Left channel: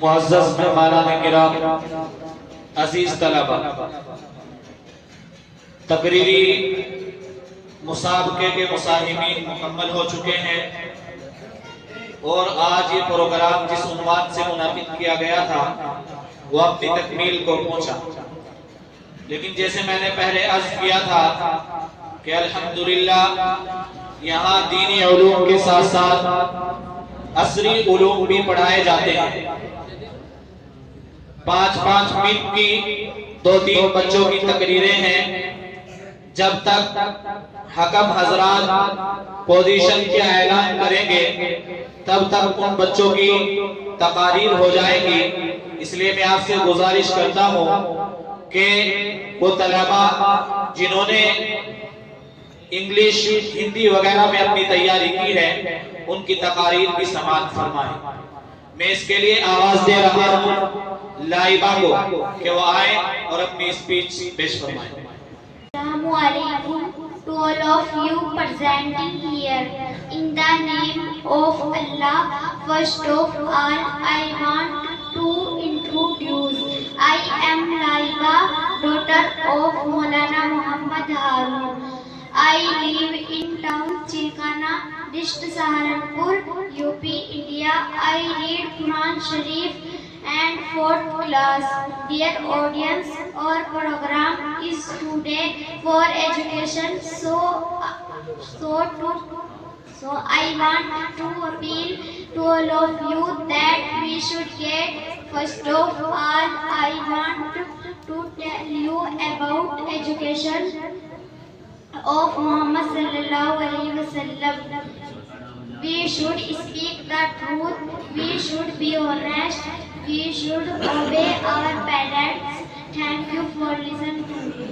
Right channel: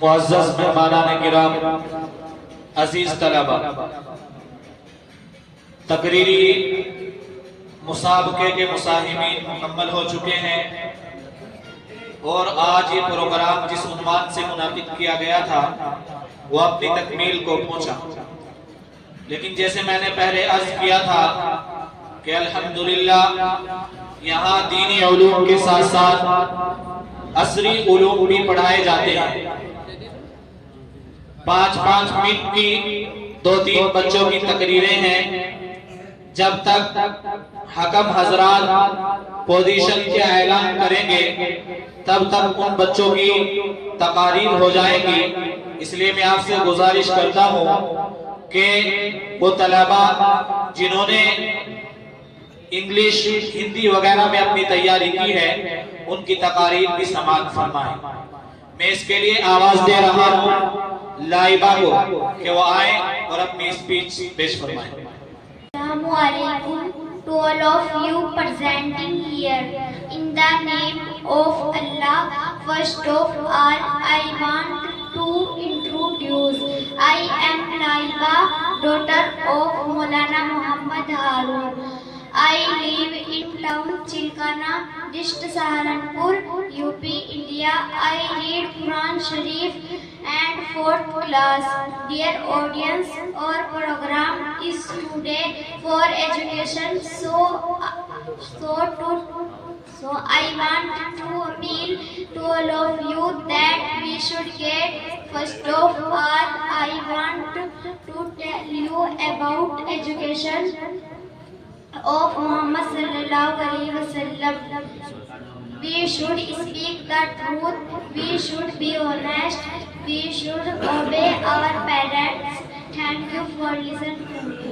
معزز مہمانان کرام، عزیز طلبہ، تقریری مسابقے کے مساہمین مکمل ہو چکے ہیں اور آج یہ پروگرام جس عنوان سے منعقد کیا گیا تھا وہ اپنی تکمیل کو پہنچا۔ لیکن جیسے میں نے پہلے عرض کیا تھا کہ الحمدللہ یہاں دینی علوم کے ساتھ ساتھ عصری علوم بھی پڑھائے جاتے ہیں۔ 5-5 منٹ کی 2-3 بچوں کی تقریریں ہیں۔ جب تک حکم حضرات پوزیشن کے اعلان کریں گے تب تک ان بچوں کی تقاریر ہو جائیں گی۔ اس لیے میں آپ سے گزارش کرتا ہوں کہ وہ طلبہ جنہوں نے انگلش، ہندی وغیرہ میں اپنی تیاری کی ہے ان کی تقاریر بھی سماعت فرمائیں۔ میں اس کے لیے آواز دے رہا ہوں لائبہ کو کہ وہ آئیں اور اپنی اسپیچ پیش فرمائیں۔ Assalamu alaikum to all of you presenting here. In the name of Allah, first of all, I want to introduce. I am Laiba, daughter of Maulana Muhammad Harun. I live in town Chilkana, district Saharanpur, UP, India. I read Quran Sharif and 4th class. Dear audience, our program is today for education, so I want to appeal to all of you that we should get. First of all, I want to tell you about education of Muhammad sallallahu alaihi wasallam. We should speak the truth, we should be honest, we should obey our parents. Thank you for listening to me.